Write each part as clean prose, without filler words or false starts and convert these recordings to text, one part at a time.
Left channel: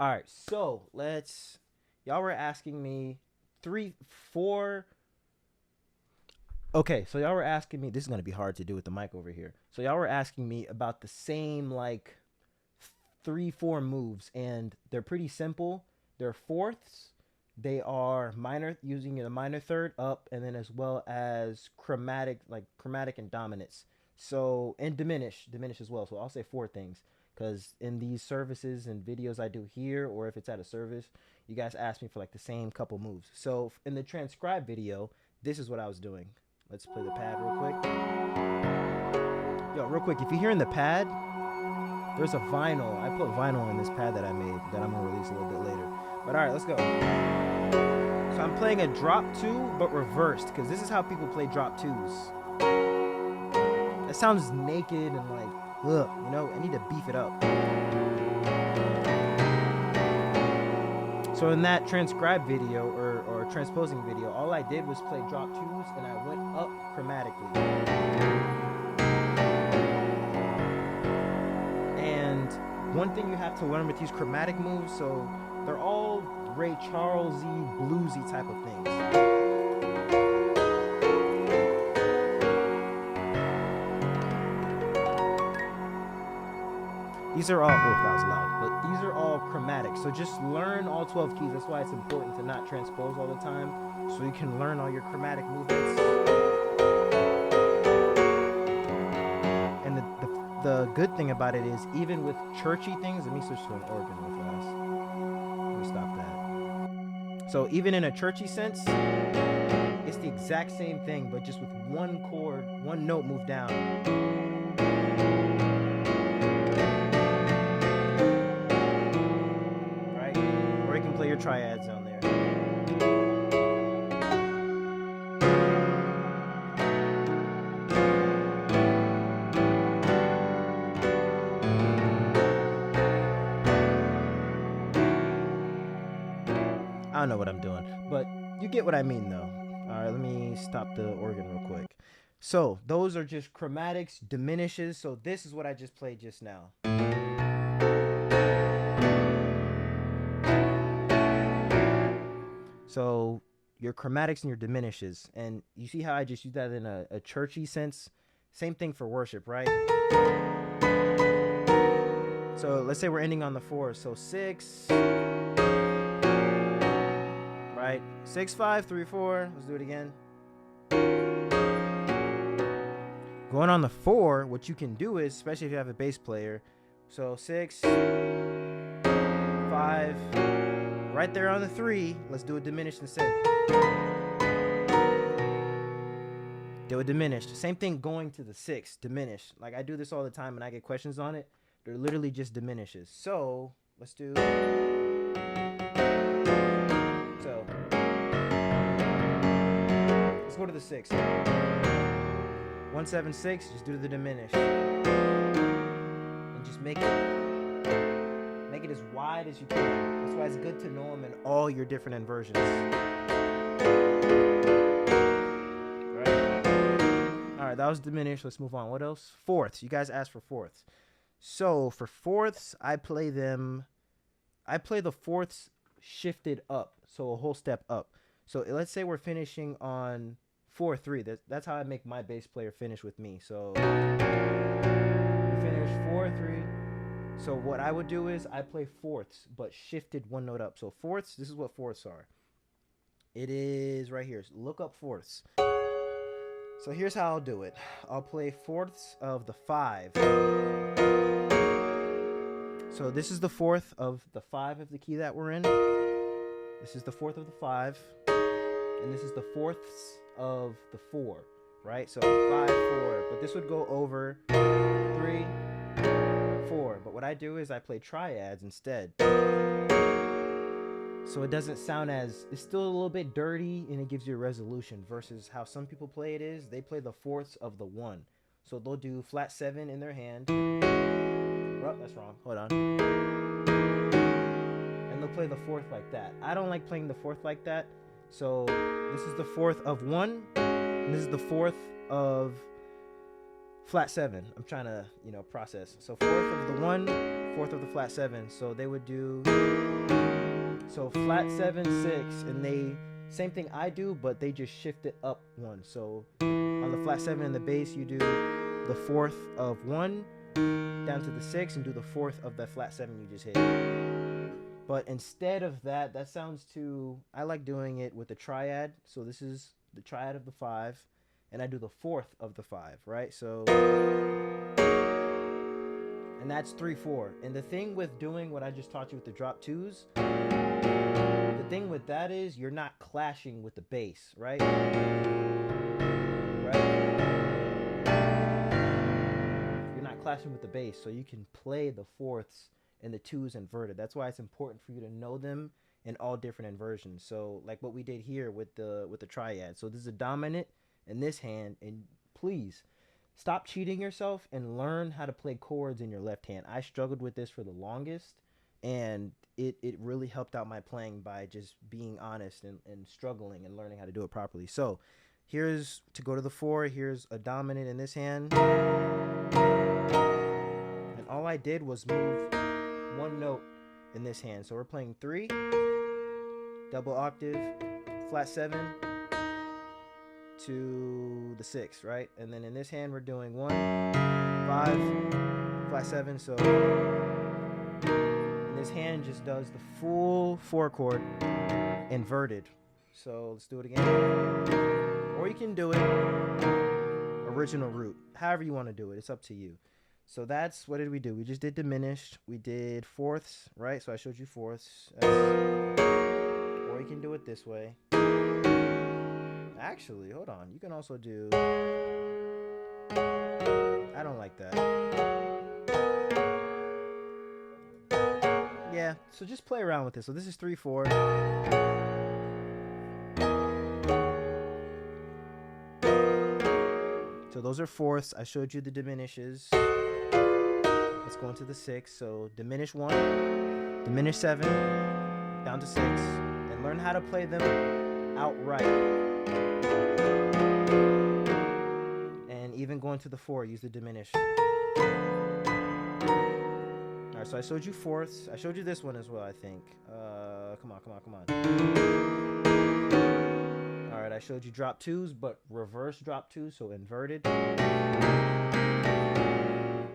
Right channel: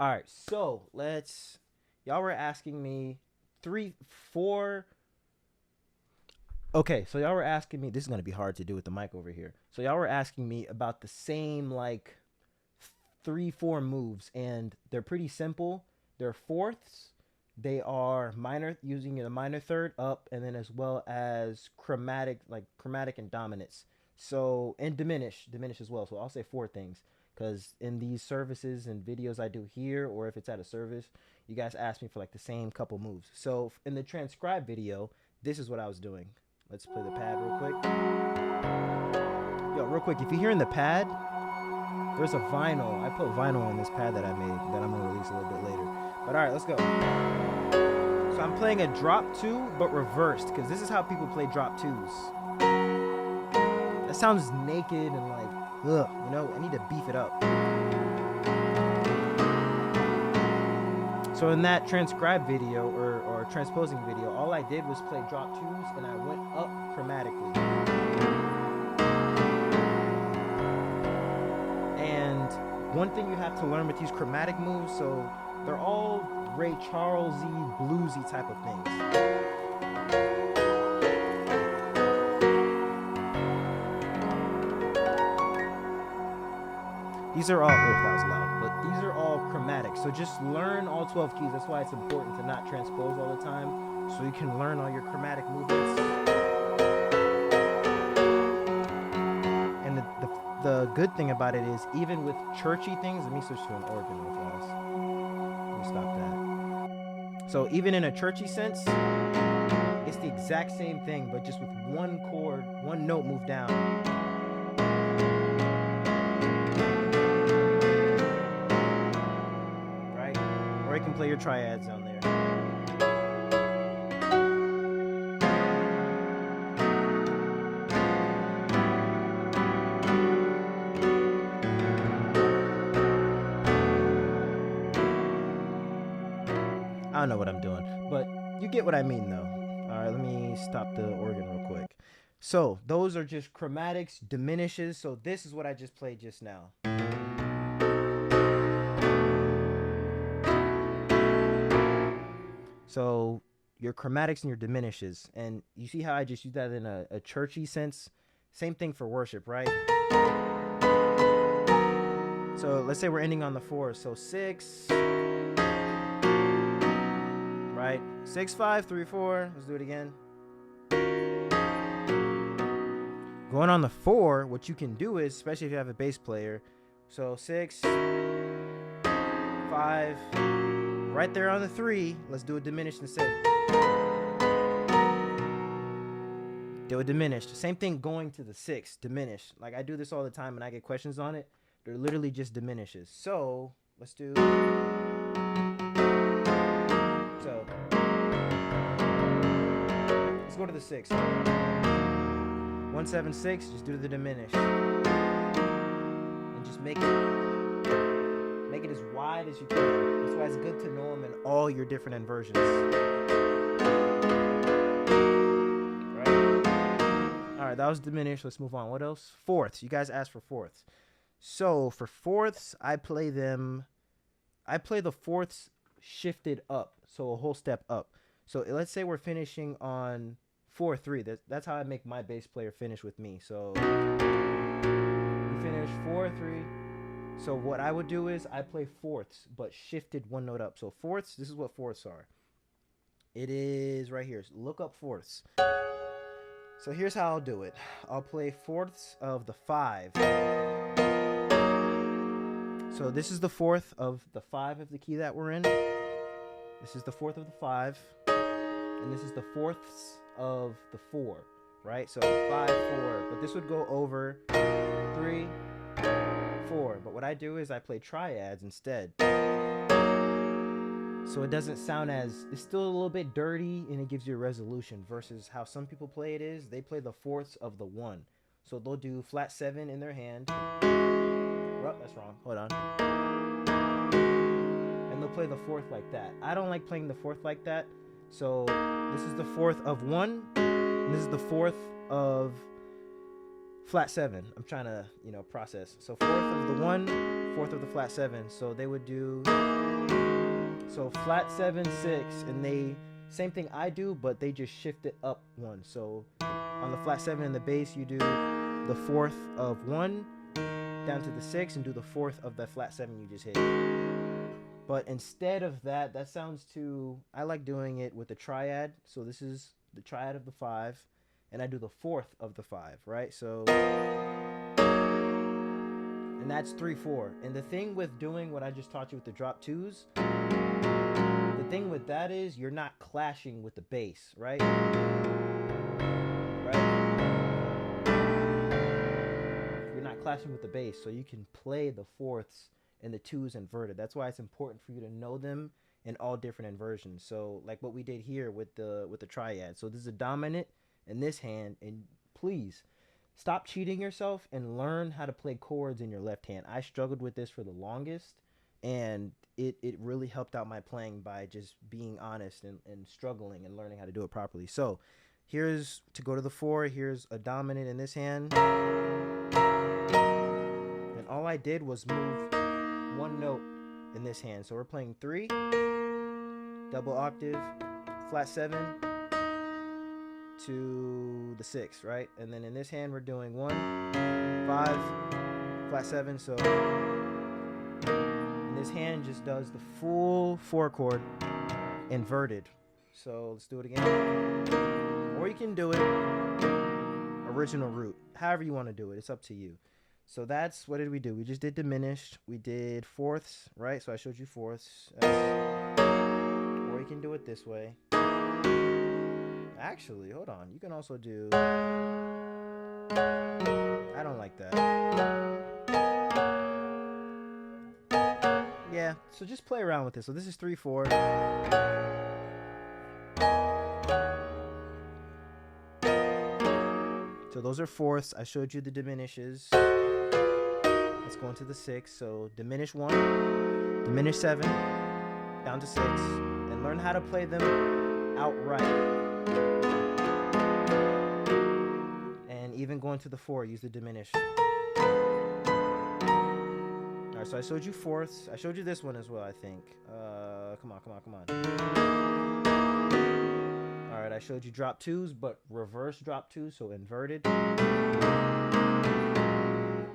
All right, so y'all were asking me three, four. Okay, so y'all were asking me. This is gonna be hard to do with the mic over here. So y'all were asking me about the same like three, four moves, and they're pretty simple. They're fourths. They are minor, using the minor third up, and then as well as chromatic and dominance. So and diminish as well. So I'll say four things because in these services and videos I do here, or if it's at a service, you guys ask me for like the same couple moves. So in the transcribe video, this is what I was doing. Let's play the pad real quick. Yo, real quick, if you're hearing the pad, there's a vinyl. I put vinyl on this pad that I made that I'm gonna release a little bit later. But all right, let's go. So I'm playing a drop two, but reversed, because this is how people play drop twos. That sounds naked and like, ugh, you know, I need to beef it up. So in that transcribe video or transposing video, all I did was play drop twos and I went up chromatically. And one thing you have to learn with these chromatic moves, so they're all Ray Charles-y, bluesy type of things. These are all, that was loud, but these are all chromatic. So just learn all 12 keys. That's why it's important to not transpose all the time, so you can learn all your chromatic movements. And the good thing about it is, even with churchy things, let me switch to an organ real fast. Let me stop that. So even in a churchy sense, it's the exact same thing, but just with one chord, one note moved down. Right? Or you can play your triads on there. I don't know what I'm doing, but you get what I mean though. All right, let me stop the organ real quick. So those are just chromatics, diminishes. So this is what I just played just now. So your chromatics and your diminishes. And you see how I just use that in a churchy sense? Same thing for worship, right? So let's say we're ending on the 4. So 6... right? 6, 5, 3, 4. Let's do it again. Going on the 4, what you can do is, especially if you have a bass player, so 6, 5, right there on the 3. Let's do a diminished instead. Do a diminished. Same thing going to the 6, diminished. Like I do this all the time and I get questions on it. They're literally just diminishes. So let's do. So let's go to the 6. 1, 7, 6. Just do the diminished, and just make it as wide as you can. That's why it's good to know them in all your different inversions. Right? All right, that was diminished. Let's move on. What else? Fourths. You guys asked for fourths. So for fourths, I play the fourths shifted up, so a whole step up. So let's say we're finishing on 4-3. That's how I make my bass player finish with me. So we finish 4-3. So what I would do is I play fourths, but shifted one note up. So fourths, this is what fourths are. It is right here. Look up fourths. So here's how I'll do it. I'll play fourths of the 5. So this is the 4th of the 5 of the key that we're in. This is the 4th of the 5. And this is the 4ths of the 4, right? So 5, 4. But this would go over 3, 4. But what I do is I play triads instead. So it doesn't sound as, it's still a little bit dirty and it gives you a resolution, versus how some people play it is, they play the 4ths of the 1. So they'll do flat 7 in their hand. Oh, that's wrong. Hold on. And they'll play the 4th like that. I don't like playing the 4th like that. So this is the 4th of 1. And this is the 4th of flat 7. I'm trying to, process. So 4th of the 1, fourth of the flat 7. So they would do, so flat 7, 6, and they, same thing I do, but they just shift it up 1. So on the flat 7 in the bass, you do the fourth of 1 down to the 6 and do the fourth of the flat 7 you just hit. But instead of that, that sounds too, I like doing it with the triad. So this is the triad of the 5, and I do the fourth of the 5, right? So, and that's 3/4. And the thing with doing what I just taught you with the drop 2s, the thing with that is you're not clashing with the bass, right? You're not clashing with the bass, so you can play the fourths and the 2s inverted. That's why it's important for you to know them in all different inversions. So like what we did here with the triad. So this is a dominant in this hand, and please stop cheating yourself and learn how to play chords in your left hand. I struggled with this for the longest, and it really helped out my playing by just being honest and struggling and learning how to do it properly. So here's, to go to the 4, here's a dominant in this hand, and all I did was move 1 note in this hand. So we're playing 3, double octave, flat 7 to the 6, right? And then in this hand we're doing 1, 5, flat 7. So and this hand just does the full 4 chord inverted. So let's do it again. Or you can do it original root, however you want to do it. It's up to you. So that's, what did we do? We just did diminished. We did fourths, right? So I showed you fourths. Or you can do it this way. Actually, hold on. You can also do, I don't like that. Yeah, so just play around with this. So this is 3/4. So those are fourths. I showed you the diminishes. Let's go into the 6. So diminish 1, diminish 7, down to 6, and learn how to play them outright. And even going to the 4, use the diminish. Alright, so I showed you fourths. I showed you this one as well, I think. Come on. Alright, I showed you drop 2s, but reverse drop 2s, so inverted.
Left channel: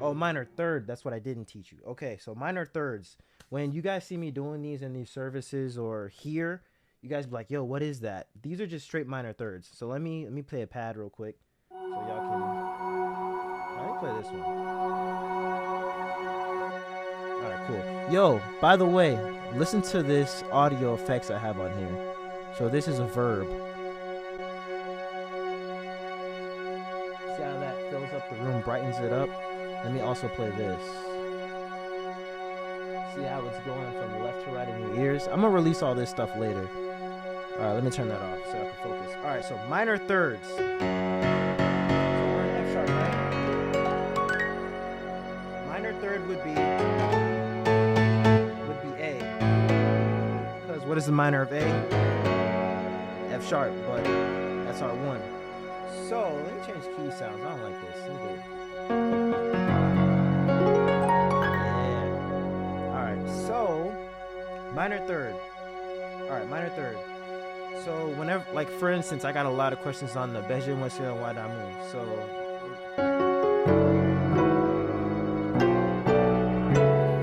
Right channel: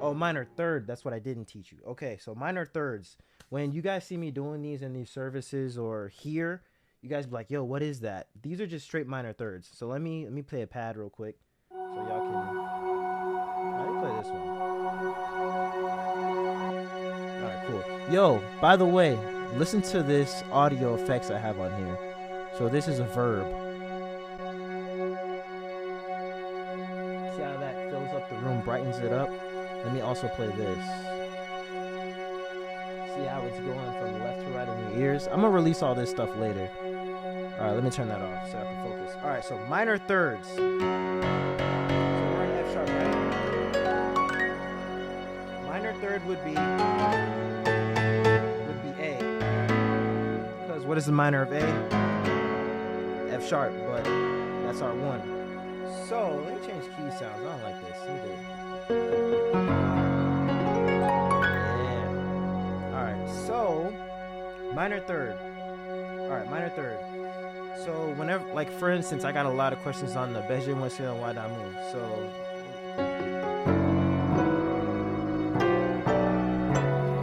Oh, minor third. That's what I didn't teach you. Okay, so minor thirds. When you guys see me doing these in these services or here, you guys be like, yo, what is that? These are just straight minor thirds. So let me play a pad real quick so y'all can. Let me play this one. All right, cool. Yo, by the way, listen to this audio effects I have on here. So this is a verb. See how that fills up the room, brightens it up? Let me also play this. See how it's going from left to right in your ears? I'm gonna release all this stuff later. All right, let me turn that off so I can focus. All right, so minor thirds. So we're in F sharp, right? Minor third would be A. Because what is the minor of A? F sharp, but that's our 1. So let me change key sounds. I don't like this. Let me do it. So, minor third. Alright, minor third. So, whenever, like for instance, I got a lot of questions on the Beje Mwese and Wadamu. So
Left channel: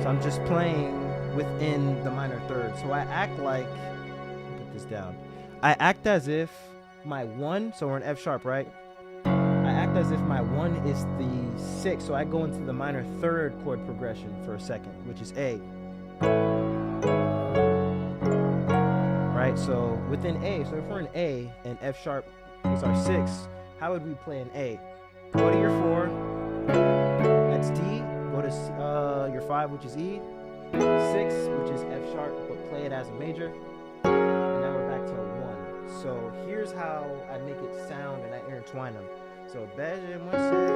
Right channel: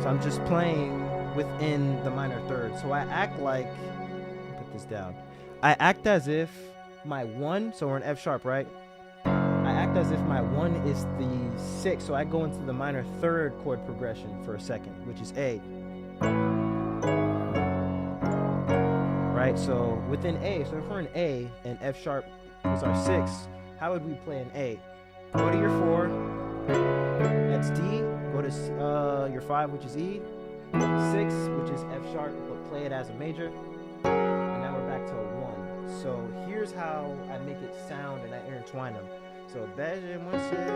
I'm just playing within the minor third. So I act like, put this down. I act as if my 1, so we're in F sharp, right? I act as if my 1 is the 6, so I go into the minor third chord progression for a second, which is A. Right, so within A, so if we're in A and F sharp is our 6, how would we play an A? Go to your 4, that's D, go to your 5, which is E, 6, which is F sharp, but play it as a major, and now we're back to a 1. So here's how I make it sound and I intertwine them. So Beje Mwese,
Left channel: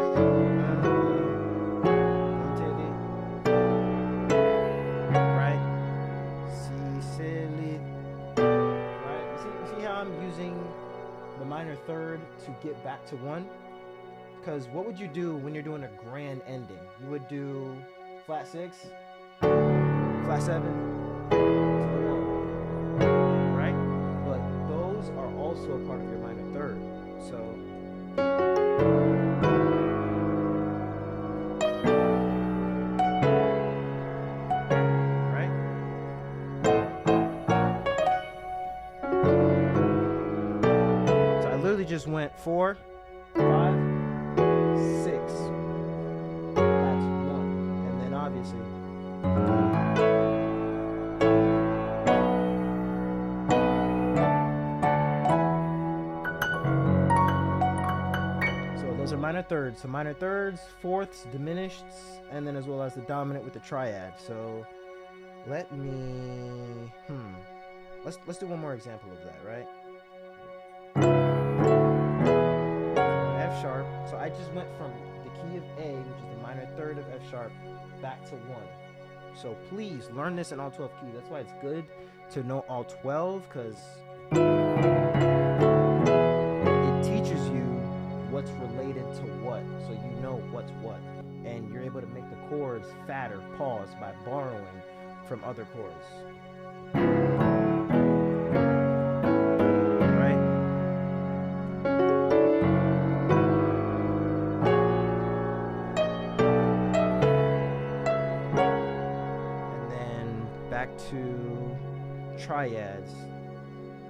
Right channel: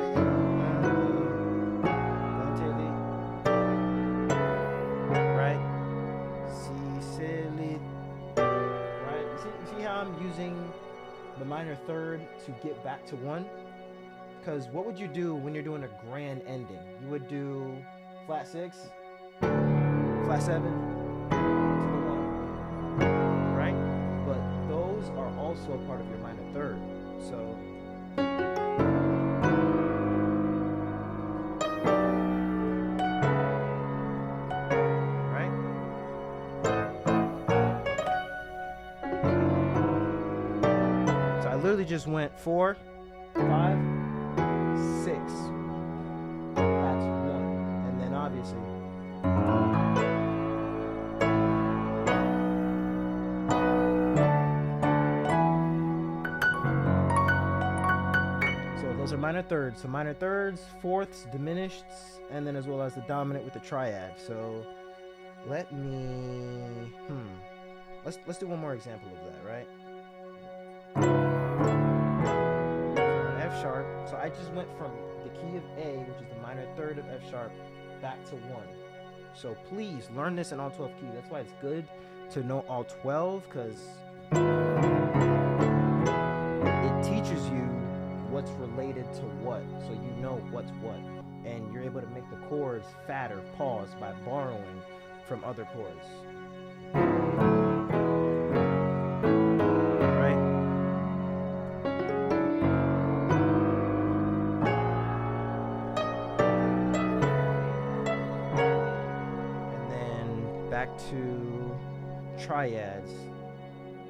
right? Sicily. Right? You see how I'm using the minor third to get back to 1? Because what would you do when you're doing a grand ending? You would do flat 6, flat 7 to the 1, right? But those are also a part of your minor third. So right? So I literally just went 4, 5, 6. That's 1. And then obviously those are minor thirds. So minor thirds, fourths, diminished, and then as well as the dominant with the triad. So let me let's do one more example of that, right? F sharp. So I just went from the key of A, which is the minor third of F sharp, back to 1. So please learn this in all 12 keys. That's why it's good to know all 12, because it teaches you what's related to what, so you know what's what, and you're able to make the chords fatter, pause, by borrowing from other chords. Right? And then back to triads.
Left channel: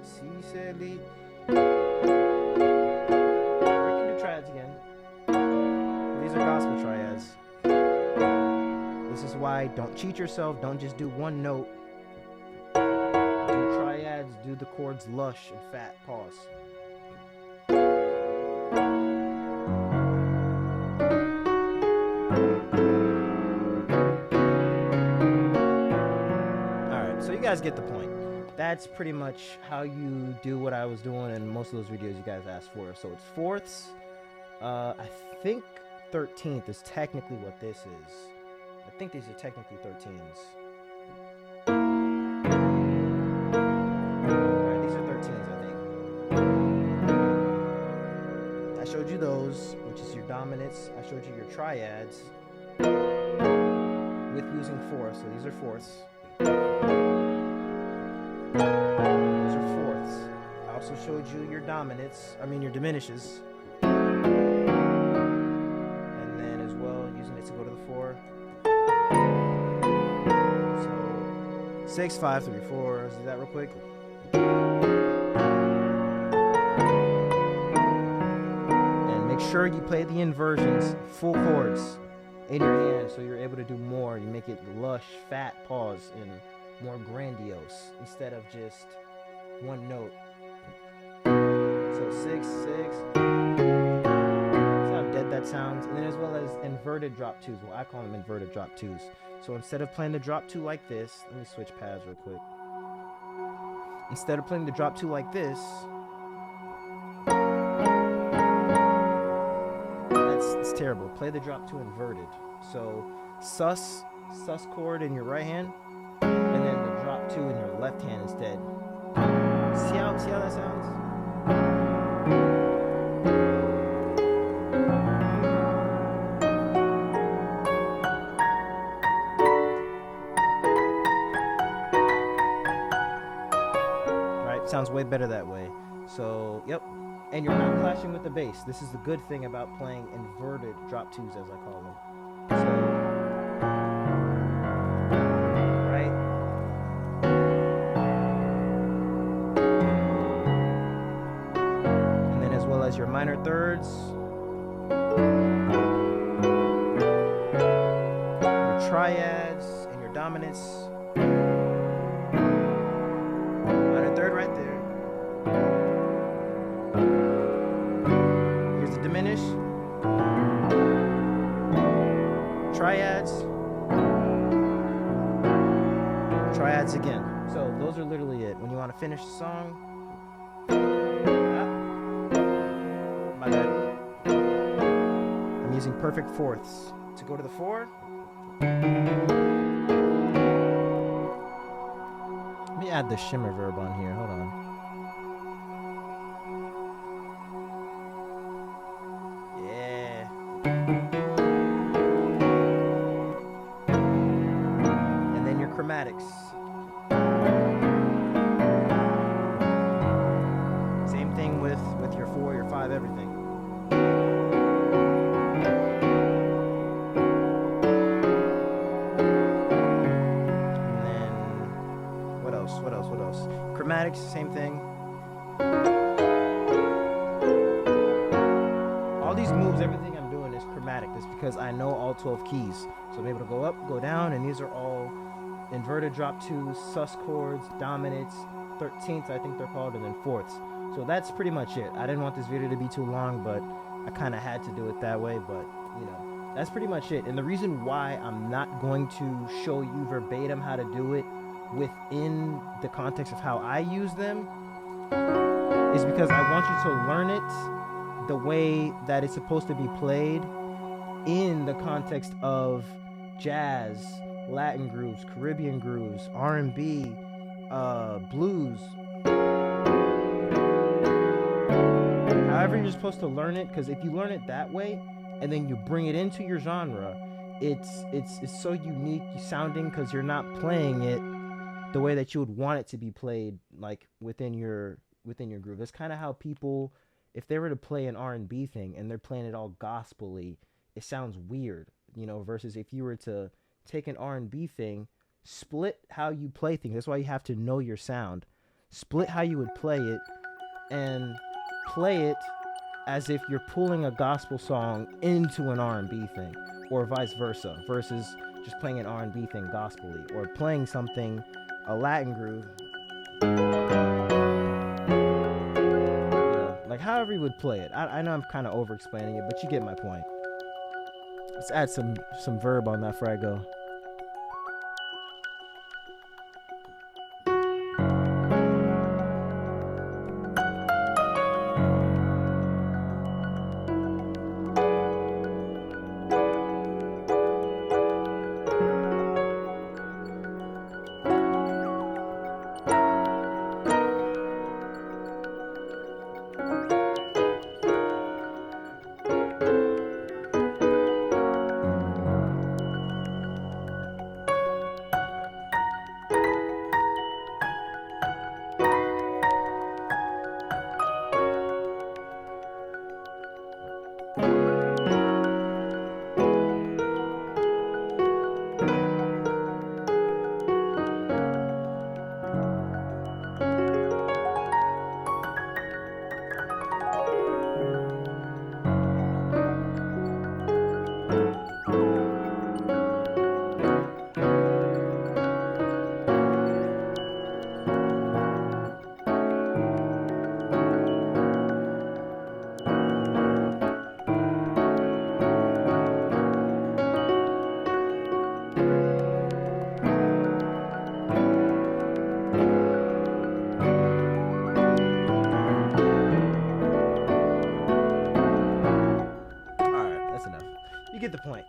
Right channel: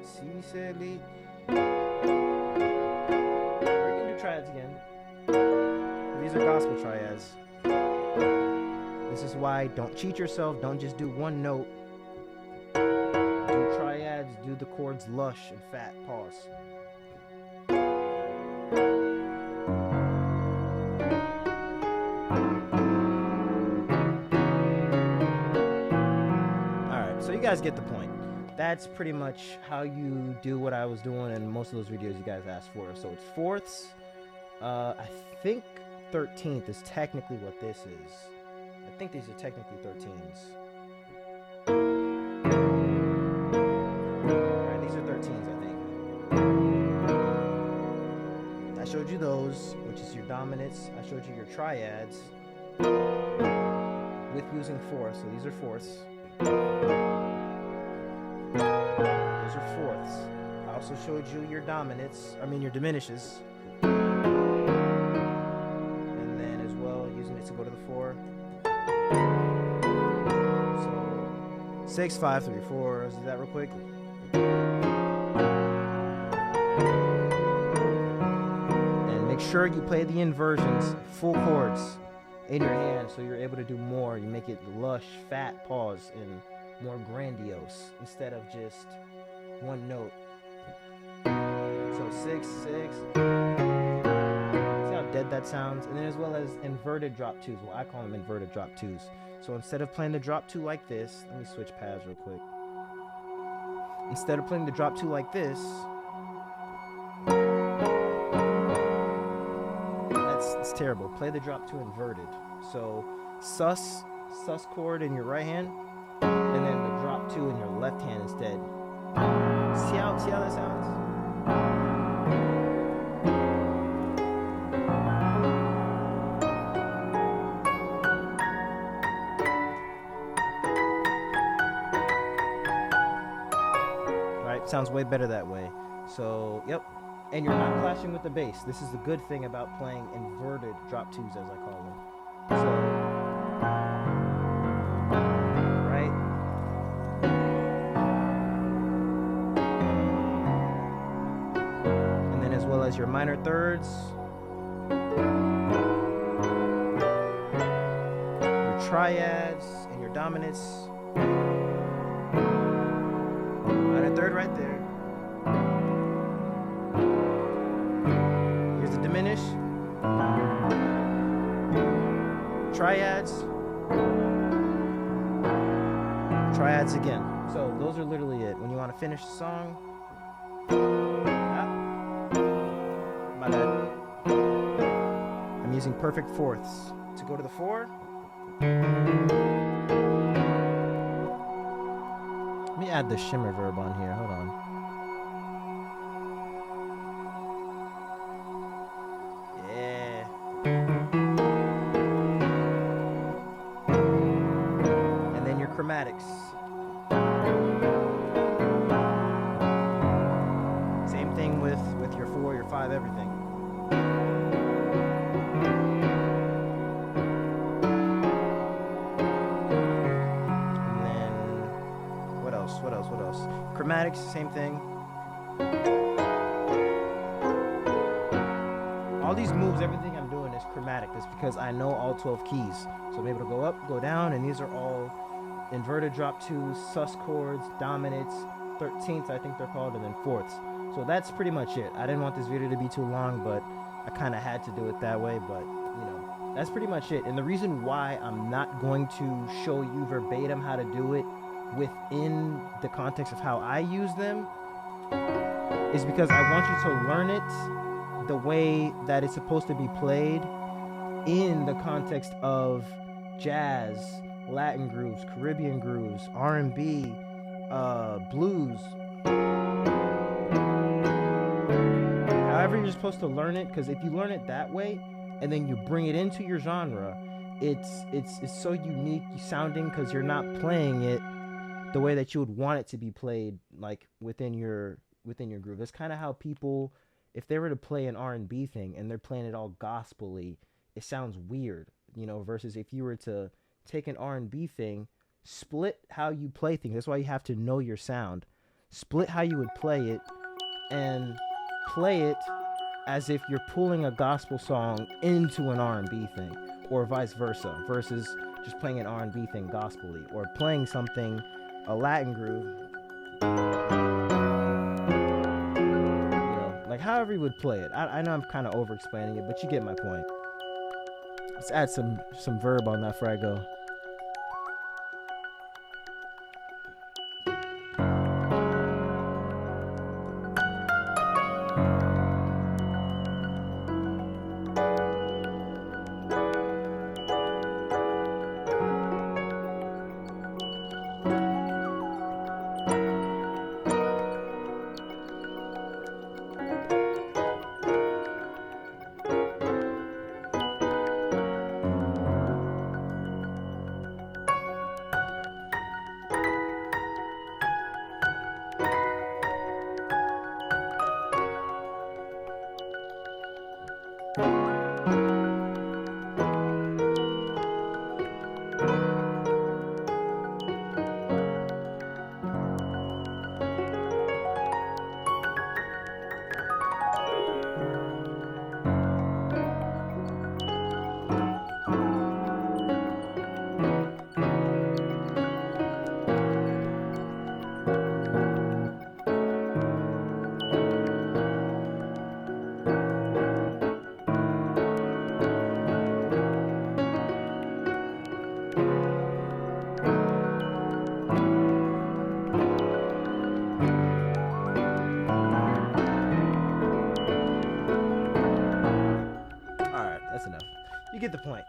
Si, se, li. Triads again. These are gospel triads. This is why don't cheat yourself. Don't just do one note. Do triads. Do the chords lush and fat. Pause. Alright, so you guys get the point. That's pretty much how you do what I was doing in most of those videos you guys asked for. So it's fourths. I think 13th is technically what this is. I think these are technically 13s. Alright, these are 13s, I think. I showed you those, which is your dominants. I showed you your triads with using fourths. So these are fourths. Those are fourths. I also showed you your dominants, your diminishes. Using it to go to the 4. So 6, 5, 3, 4. Let's do that real quick. And make sure you play the inversions, full chords in your hand, so you're able to do more. You make it lush, fat, pause, and more grandiose instead of just one note. So 6, 6. Dead that sounds, and then as well as inverted drop 2s. Well, I call them inverted drop 2s. So instead of playing the drop 2 like this, let me switch paths real quick. Instead of playing the drop 2 like this, it's terrible. Play the drop 2 inverted. So sus chord in your right hand, and then the drop 2 in your left hand instead. See how that sounds? Sounds way better that way. So, yep. And you're not clashing with the bass. This is the good thing about playing inverted drop 2s, as I call them. So, right? And then as well as your minor thirds, your triads, and your dominants. Third right there. Here's the diminish. Triads. Triads again. So those are literally it. When you want to finish the song. My bad. I'm using perfect fourths. To go to the 4. Let me add the shimmer verb on here. Hold on. Yeah. And then your chromatics. Same thing with your 4, your 5, everything. And then what else? Chromatics, same thing. All these moves, everything I'm doing is chromatic. That's because I know all 12 keys. So I'm able to go up, go down, and these are all inverted drop 2s, sus chords, dominants, 13ths I think they're called, and then 4ths. So that's pretty much it. I didn't want this video to be too long, but I kind of had to do it that way. But, you know, that's pretty much it. And the reason why I'm not going to show you verbatim how to do it within the context of how I use them is because I want you to learn it the way that it's supposed to be played in the context of jazz, Latin grooves, Caribbean grooves, R&B, blues. However you're supposed to learn it, because if you learn it that way and then you bring it into your genre, it's so unique sounding because you're not playing it the way that you would want it to be played, like within your groove. That's kind of how people, if they were to play an R&B thing and they're playing it all gospel-y, it sounds weird, you know, versus if you were to take an R&B thing, split how you play things. That's why you have to know your sound. Split how you would play it and play it as if you're pulling a gospel song into an R&B thing, or vice versa, versus just playing an R&B thing gospel-y, or playing something, a Latin groove, like however you would play it. I know I'm kind of over-explaining it, but you get my point. Let's add some verb on that before I go. You get the point.